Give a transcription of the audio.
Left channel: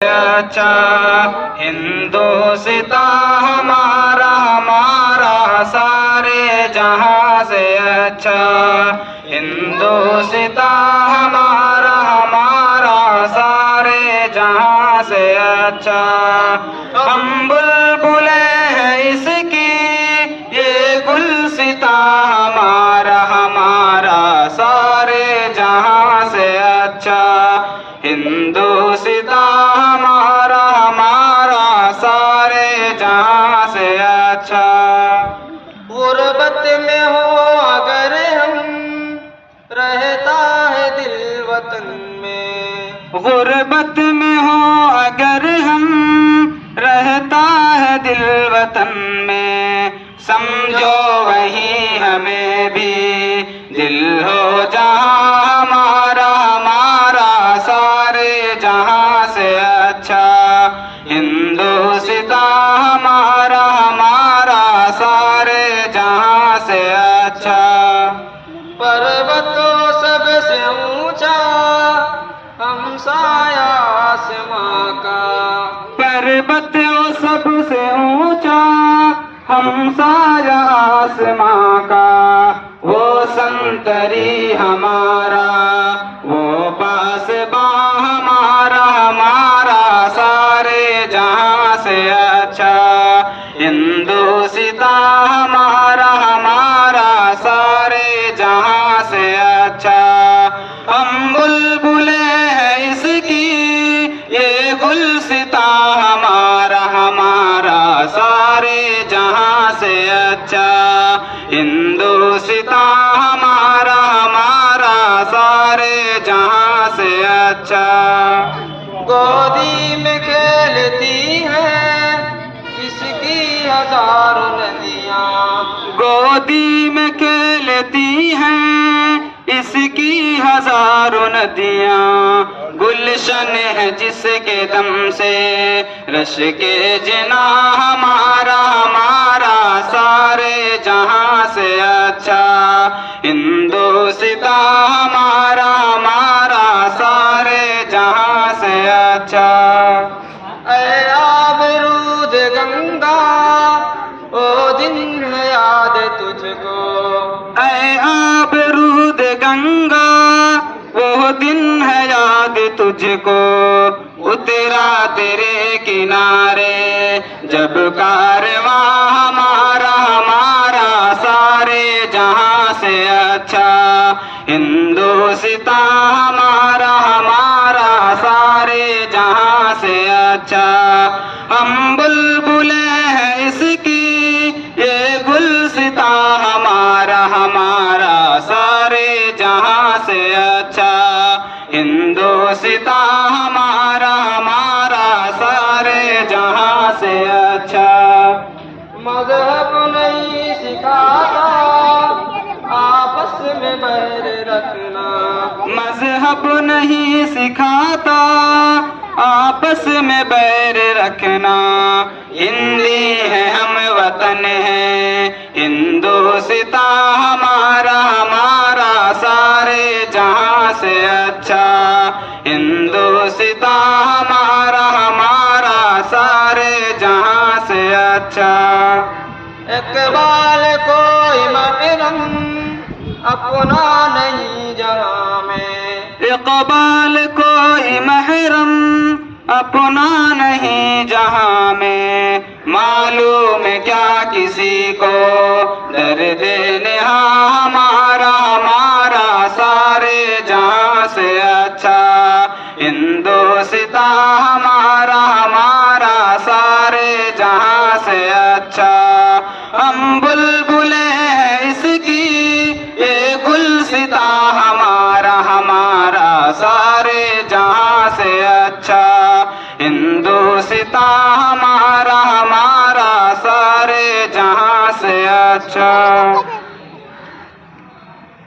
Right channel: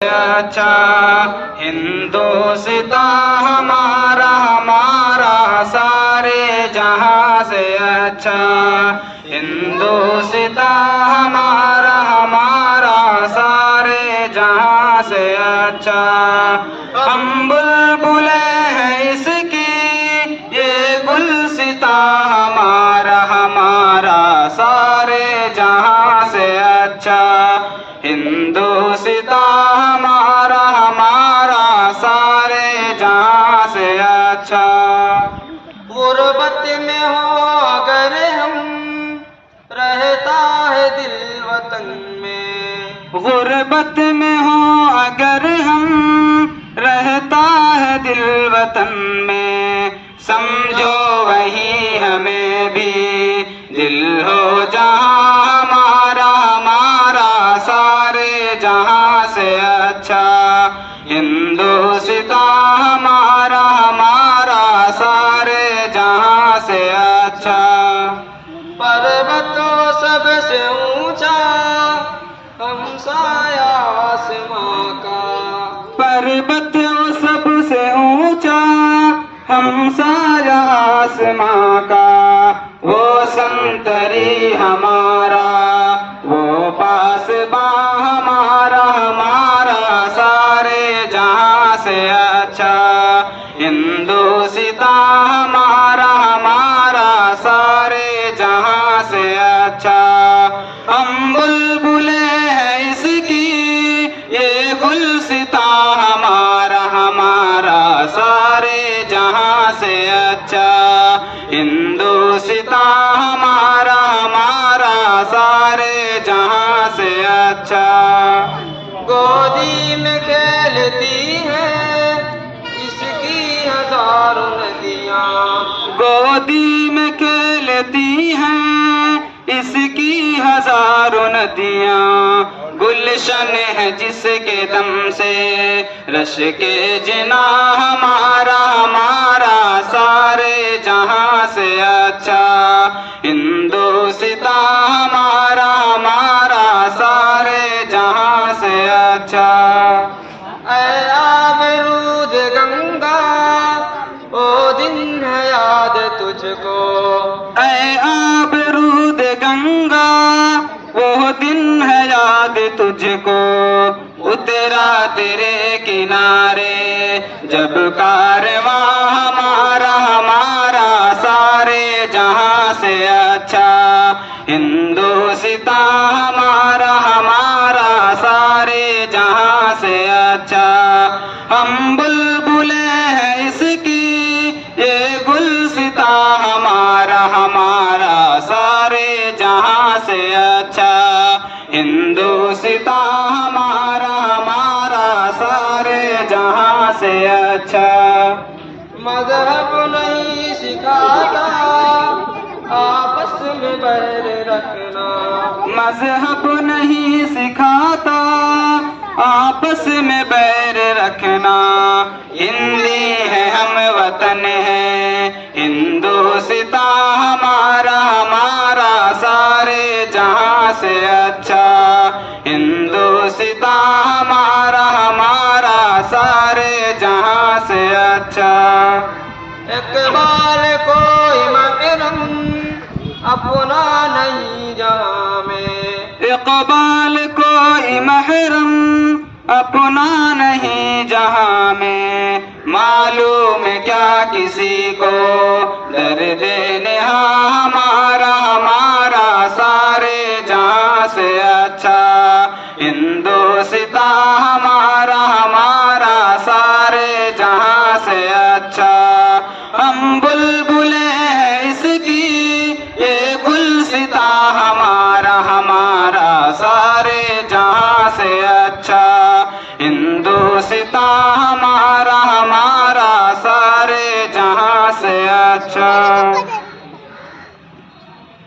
अच्छा हिंदुस्तां हमारा हमारा सारे जहां से अच्छा हिंदुस्तां हमारा हमारा सारे जहां से अच्छा। हम बुलबुले हैं इसकी ये गुलसिता हमारा हमारा सारे जहां से अच्छा हिंदुस्तां हमारा हमारा सारे जहां से अच्छा। गुर्बत में हो अगर हम रहता है दिल वतन में, गुर्बत में हो अगर हम रहता है दिल वतन में, समझो वही हमें भी दिल हो जहां हमारा हमारा सारे जहां से अच्छा हिंदुस्तां हमारा हमारा सारे जहां से अच्छा। पर्वतों सबसे ऊंचा हमसाया आसमां का, पर्वत सबसे ऊंचा हमसाया आसमां का, वो संतरी हमारा वो पासबां हमारा हमारा सारे जहां से अच्छा हिंदुस्तां हमारा हमारा सारे जहां से अच्छा। हम बुलबुले हैं इसकी ये गुलसिता हमारा हमारा सारे जहां से अच्छा हिंदुस्तां हमारा हमारा सारे जहां से अच्छा। गोदी में खेलती है इसकी हजारों नदियां, गोदी में खेलती हैं इसकी हजारों नदियां, गुलशन है जिसके दम से रश के जना हमारा हमारा सारे जहां से अच्छा हिंदुस्तां हमारा हमारा सारे जहां से अच्छा। ऐ आबरूद गंगा ओ दिन है याद तुझको, ऐ आबरूद गंगा वो दिन है याद तुझको, उतरा तेरे किनारे जब कारवां हमारा हमारा सारे जहां से अच्छा हिंदुस्तां हमारा हमारा सारे जहां से अच्छा। हम बुलबुले हैं इसकी ये गुलसिता हमारा हमारा सारे जहां से अच्छा हिंदुस्तां हमारा हमारा सारे जहां से अच्छा। मजहब नहीं सिखाता आपस में बैर रखना, मजहब नहीं सिखाता आपस में बैर रखना, हिंदी है हम वतन है हिंदुस्तां हमारा हमारा सारे जहां से अच्छा हिंदुस्तां हमारा हमारा सारे जहां से अच्छा। इकबाल कोई महरम अपना नहीं जहां में, इकबाल कोई महरम अपना नहीं जहां में, मालूम क्या किसी को दर्द नेहा हमारा हमारा सारे जहां से अच्छा हिंदुस्तां हमारा हमारा सारे जहां से अच्छा। हम बुलबुले हैं इसकी ये गुलसिता हमारा हमारा सारे जहां से अच्छा हिंदुस्तां हमारा